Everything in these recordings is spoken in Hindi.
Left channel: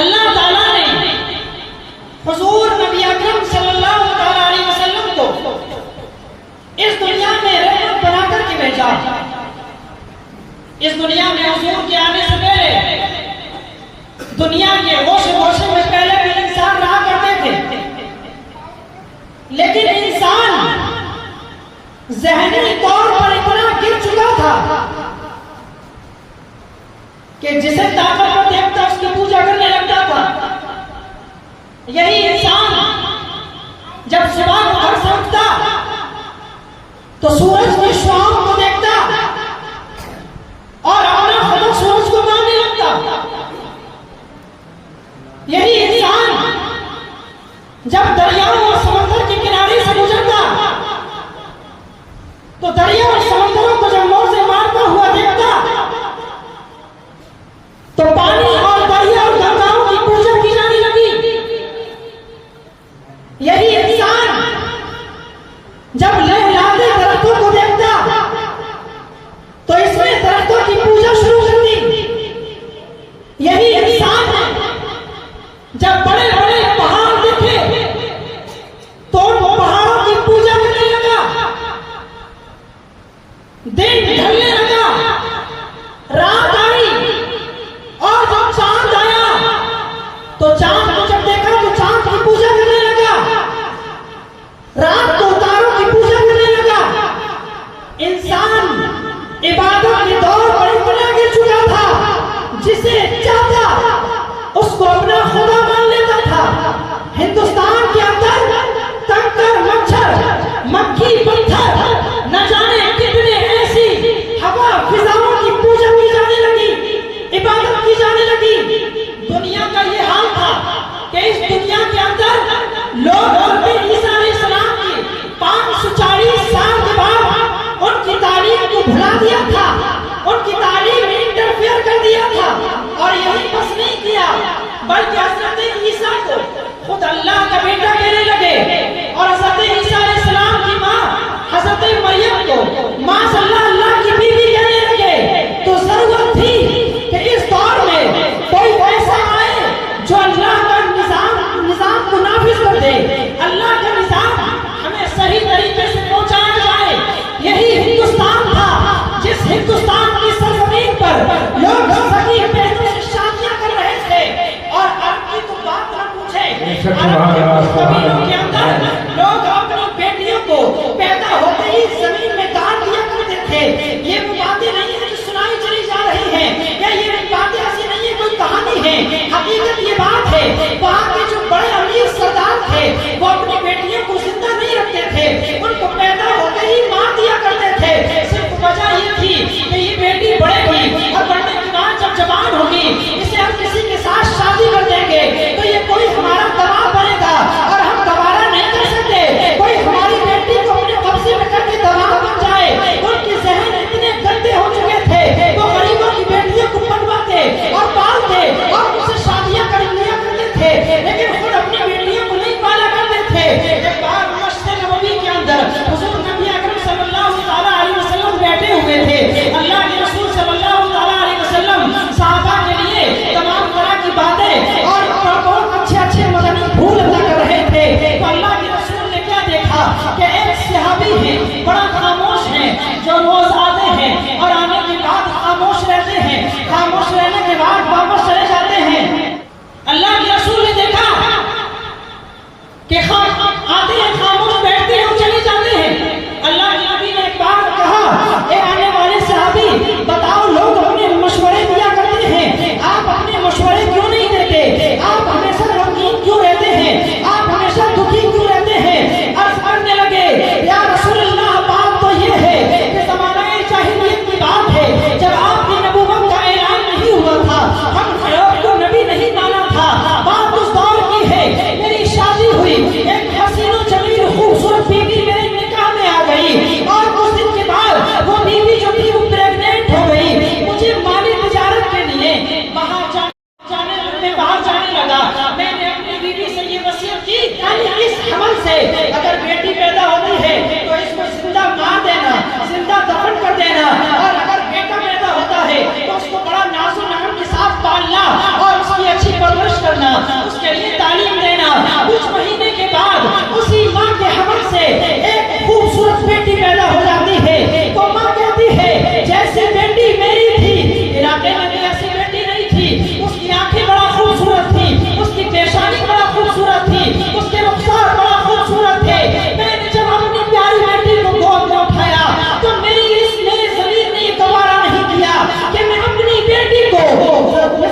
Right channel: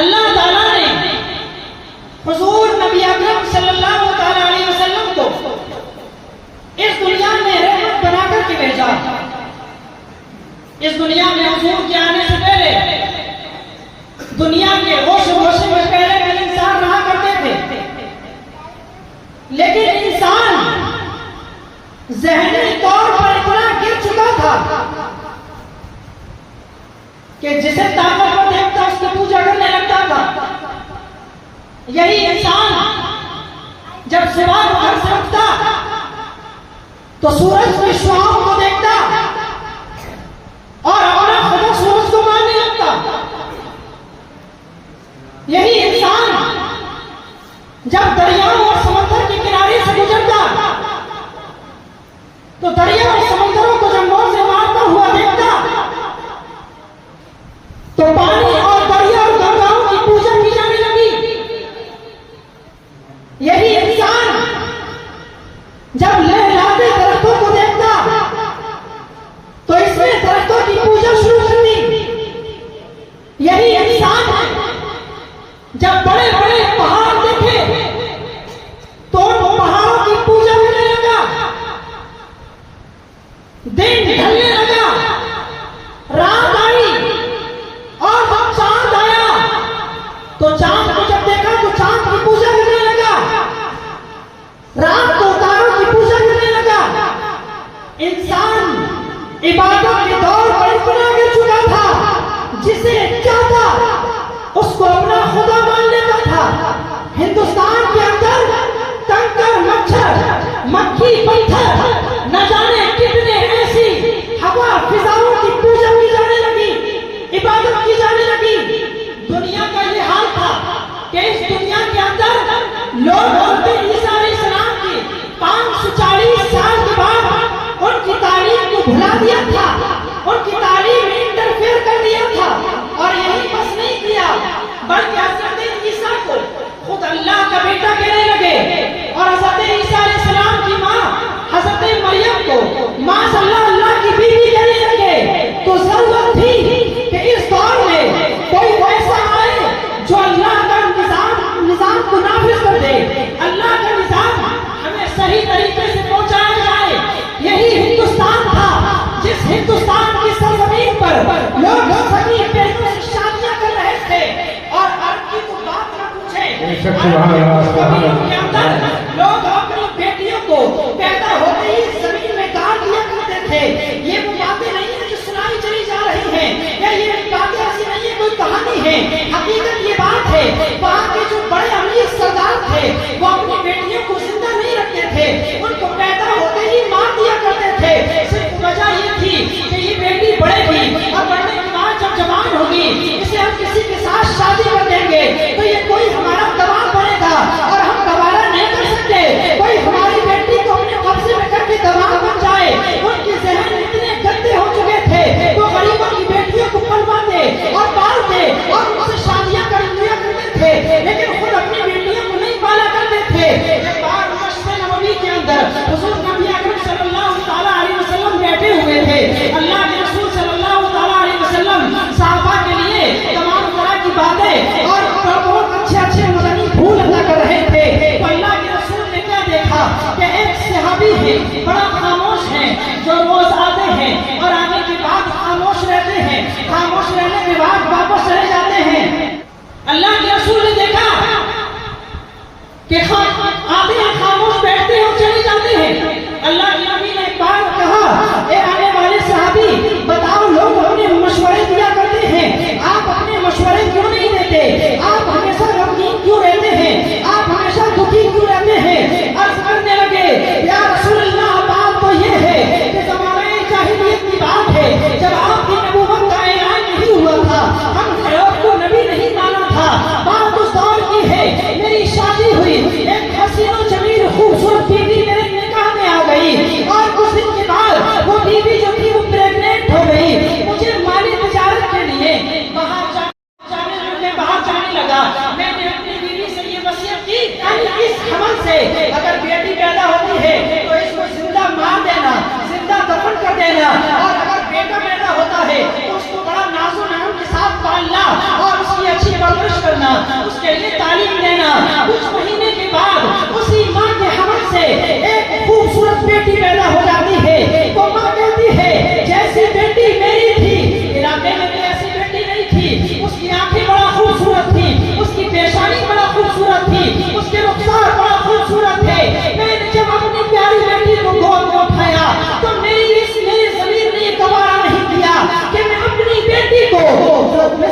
अल्लाह ताला ने हुजूर नबी अकरम सल्लल्लाहु अलैहि वसल्लम को इस दुनिया में रहमत बनाकर के भेजा। इस दुनिया में हुजूर के आने से पहले दुनिया के होश में पहले इंसान रहा करते थे, लेकिन इंसान ज़हनी तौर पर इतना गिर चुका था कि जिसे ताकतवर देखता उसकी पूजा करने लगता था। यही इंसान जब सुबह को घर से उठता तो सूरज की शुआओं को देखता और अपना खुदा सूरज को मानने लगता। यही इंसान जब दरियाओं और समंदर के किनारे से गुजरता तो दरिया और समंदरों को जब मोर से मारता हुआ देखता तो पानी और दरिया और गंगाओं की पूजा की जाने लगी। यही इंसान जब लहराते दरख्तों को देखता तो इसमें दरख्तों की पूजा शुरू कर दी। यही इंसान जब बड़े बड़े पहाड़ देखे तो उन पहाड़ों की पूजा करने लगा। दिन ढलने लगा, रात आई और जब चांद आया तो चांद को जब देखा तो चांद की पूजा करने लगा, रात को तारों की पूजा करने लगा। इंसान इबादत के दौर पर इतना गिर चुका था जिसे चाहता उसको अपना खुदा मान लेता था। हिंदुस्तान के अंदर कंकर, मच्छर, मक्खी, पत्थर, न जाने कितने ऐसी हवा फिजाओं की पूजा की जाने लगी, इबादत की जाने लगी। दुनिया का ये हाल था कि इस दुनिया के अंदर लोग ईसा अलैहिस्सलाम की 540 साल के बाद उनकी तारीख को भुला दिया था, उनकी तारीख में इंटरफेयर कर दिया था। और यही बस नहीं किया बल्कि हज़रत ईसा को खुद अल्लाह का बेटा कहने लगे और हज़रत ईसा अलैहिस्सलाम की माँ हज़रत मरियम को माशाअल्लाह अल्लाह की बीवी कहने लगे। तो जरूरत थी कि इस दौर में कोई ऐसा आए जो अल्लाह का निजाम को नाफिज कर दे, अल्लाह का निजाम हमें सही तरीके से पहुंचाया जाए। यही हिंदुस्तान था जिस हिंदुस्तान की सरजमीन पर लोग सभी बेटों से शादियां कर रहे थे। और अब की तो बात ना पूछे, लोग अपनी बेटियों को पैदा होते ही जमीन में गाड़ दिया करते थे। ये वो बातें नहीं है जो सुनाई चली जा रही है, या ये बातें ऐसी नहीं है कोई कहानी है। हकीकत ये बात है, वहाँ के जो बड़े अमीर सरदार थे वो अपनी बेटियों को जिंदा नहीं रखते थे, उनको पैदा होते ही मार दिया करते थे। सिर्फ वजह ये थी कि ये बेटी बढ़ेगी और बढ़ने के बाद जब जवान होगी इसे हम किसी के साथ शादी कर देंगे तो ये कोई हमारा दबाव बनेगा और हम दोबारा नहीं कर सकते। कोई हमारी बेटी को अपने कब्जे में करके दबाव बन जाए। उनके जहन इतने गंदे हो चुके थे वो गरीबों की बेटियों को पलवाते और पालते और उनसे शादियां कर लिया करते थे, लेकिन खुद अपनी बेटियों को नहीं पाला करते थे। एक बार मस्जिद नबवी के अंदर हुजूर नबी अकरम सल्लल्लाहु अलैहि वसल्लम बैठे हुए थे। अल्लाह के रसूल सल्लल्लाहु अलैहि वसल्लम सहाबा के लिए तमाम तरह की बातें और बहुत अच्छे मदनी फूल अदा कर रहे थे। तो अल्लाह के रसूल ने क्या देखा कि एक सहाबी है बड़ा खामोश है, जो रोज आते हैं और आने के बाद खामोश रहते हैं, खामोश रहने के बाद वापस चले जाते हैं। अल्लाह के रसूल ने देखा कि आते हैं, खामोश बैठते हैं और चले जाते हैं। अल्लाह के नबी ने एक बार कहा, ए आने वाले सहाबी, बताओ लोग अपने मशवरे दिया करते हैं, आप अपने मशवरे क्यों नहीं देते? आप हमेशा गमगीन क्यों रहते हैं? आप हमेशा दुखी क्यों रहते हैं? अर्ज करने लगे, या रसूल अल्लाह, बात तो ये है कि ज़माने जाहिलियत की बात है, जब आपकी नबूवत का ऐलान नहीं हुआ था, हम खैर को नबी नहीं माना था, उसके लिए तालीम देना। कुछ महीने के बाद उसी माँ के हमल से एक खूबसूरत बेटी पैदा हो जाती है। तो माँ कहती है जैसी बेटी मेरी थी, इलाके में भी ऐसी बेटी नहीं थी। उसकी आंखें बड़ा खूबसूरत थी, उसकी पेशानी बड़ा खूबसूरत थी, उसके रुखसार बड़ा खूबसूरत थे। मैंने जब अपनी प्यारी बेटी को गोद में उठाया तो मेरी ज़मीर ने गवारा नहीं किया कि मैं अपनी बेटी को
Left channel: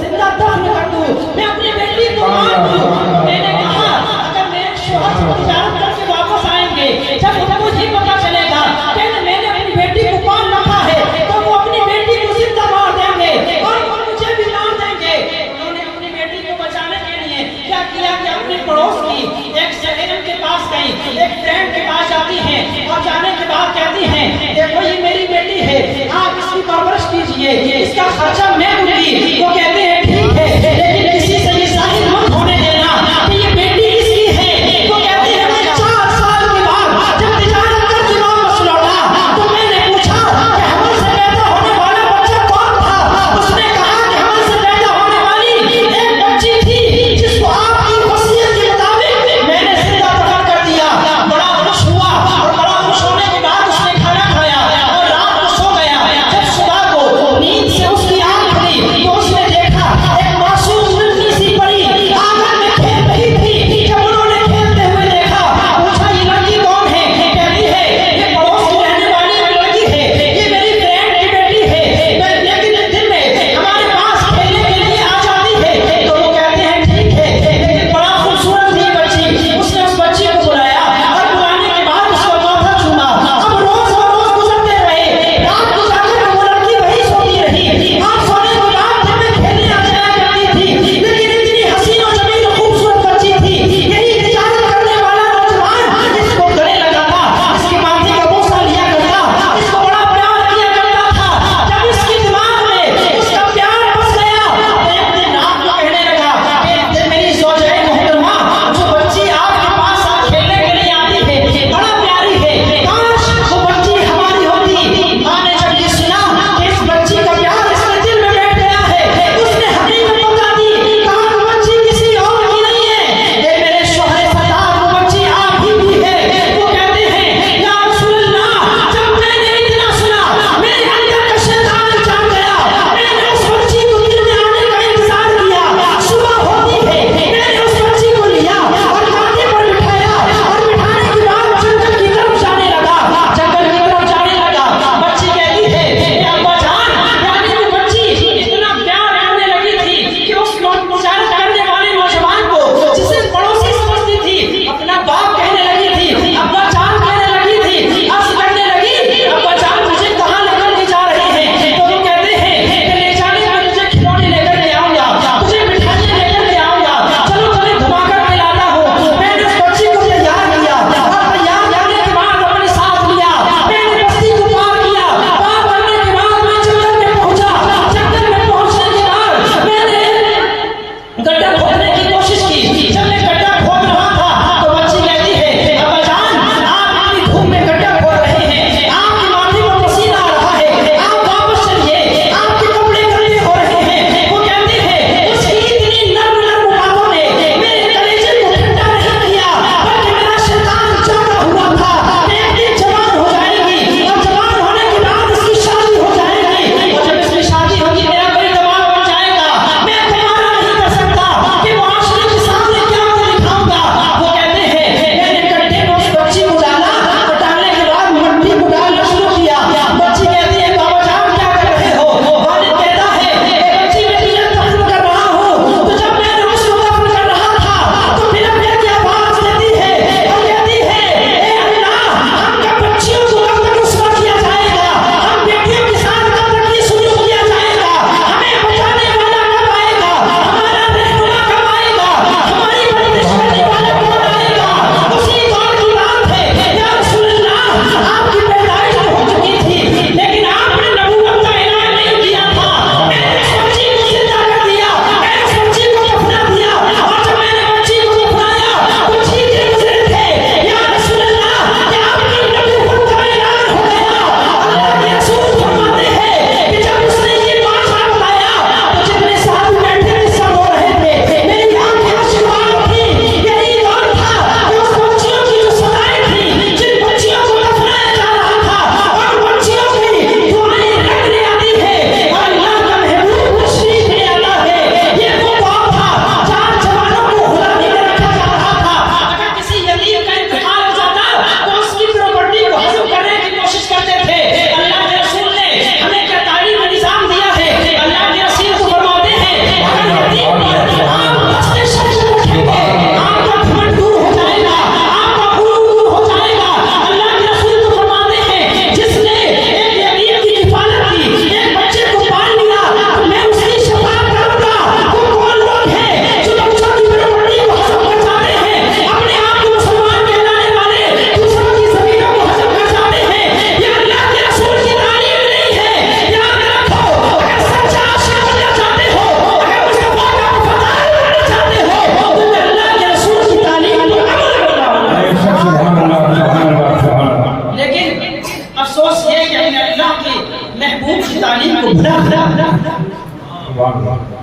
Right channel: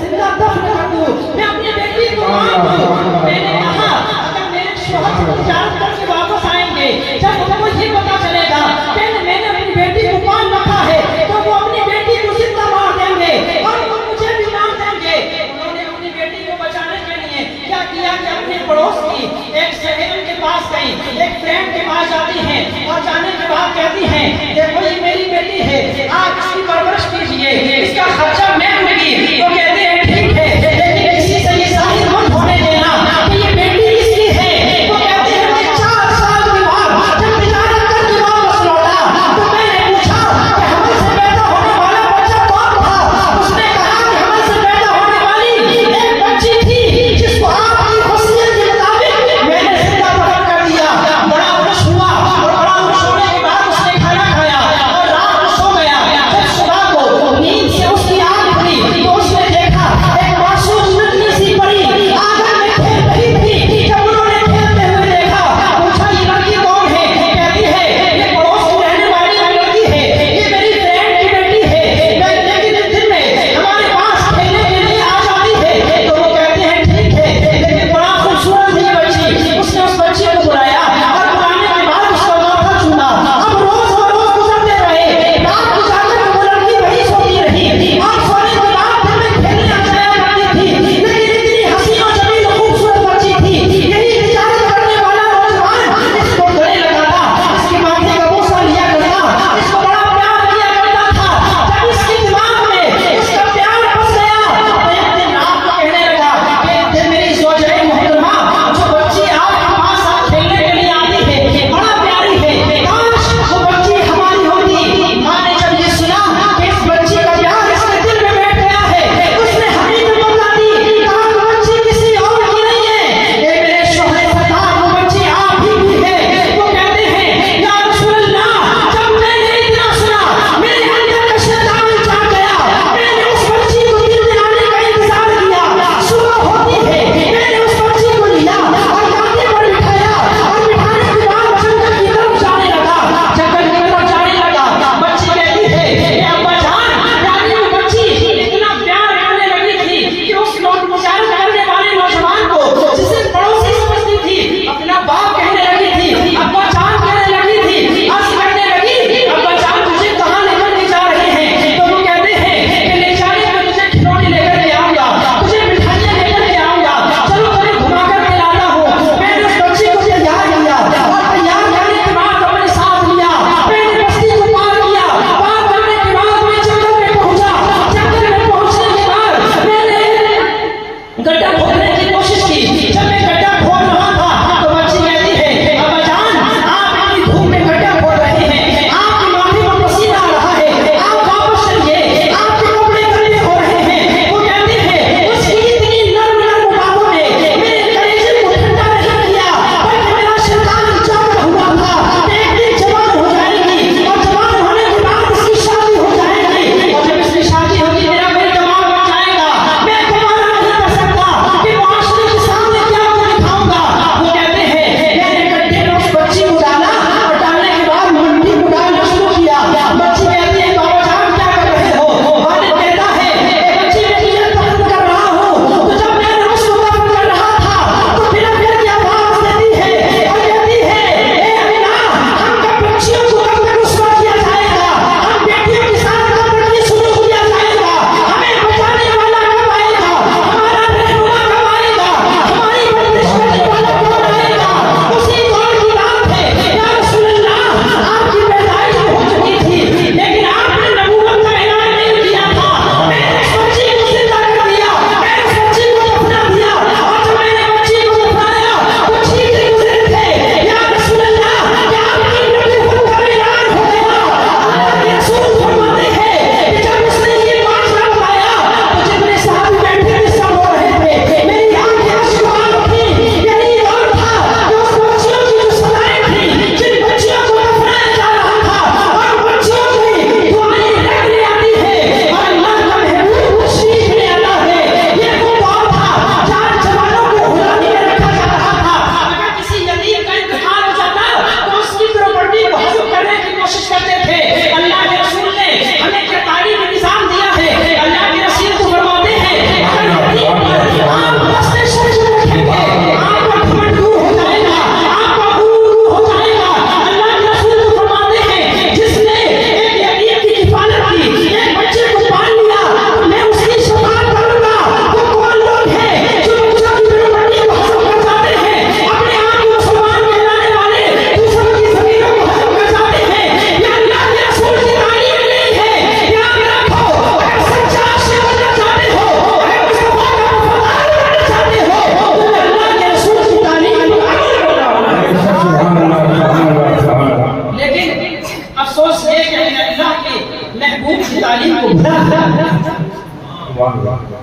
जिंदा दफन कर दूं, मैं अपनी बेटी को मार दूं। मैंने कहा अगर मेरे शौहर से तिजारत करके वापस आएंगे, जब उनको ये पता चलेगा कि मैंने अपनी बेटी को पाल रखा है, तो वो अपनी बेटी को जिंदा मार देंगे और वो मुझे भी मार देंगे। उन्होंने अपनी बेटी को बचाने के लिए क्या किया कि अपने पड़ोस की एक सहेली के पास गई, एक फ्रेंड के पास जाती है और जाने के बाद कहती है देखो ये मेरी बेटी है, आप इसकी परवरिश कीजिए, इसका खर्चा मैं दूंगी। तो कहते हैं ठीक है, लेकिन किसी से ये जाहिर मत होने देना कि ये बेटी किसकी है। तो कहते हैं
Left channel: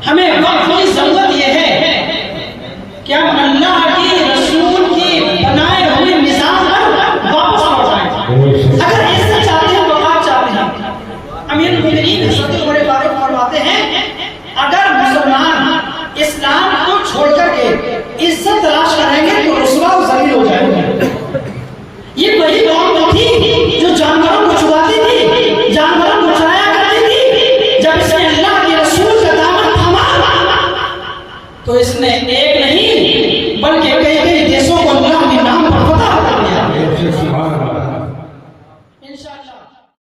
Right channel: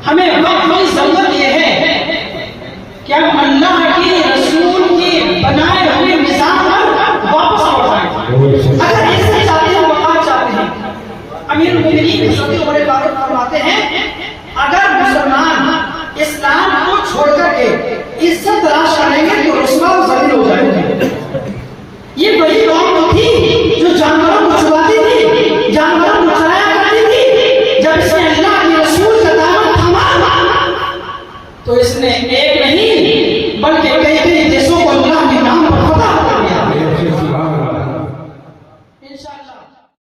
हमें वक्त की जरूरत यह है कि हम अल्लाह की रसूल की बनाए हुए मिसाल पर वापस लौट आए। अगर ऐसा चाहते हैं, वक़ात चाहते हैं, अमीर मुमिनीन सभी बड़े बारे फरमाते हैं, अगर मुसलमान इस्लाम को छोड़कर के इज्जत तलाश करेंगे तो रुसवा और जलील हो जाएंगे। ये वही कौम थी जो जानवरों को छुड़ाती थी, जानवरों को चराया करती थी। जब इसने अल्लाह के रसूल का दामन थामा तो इसने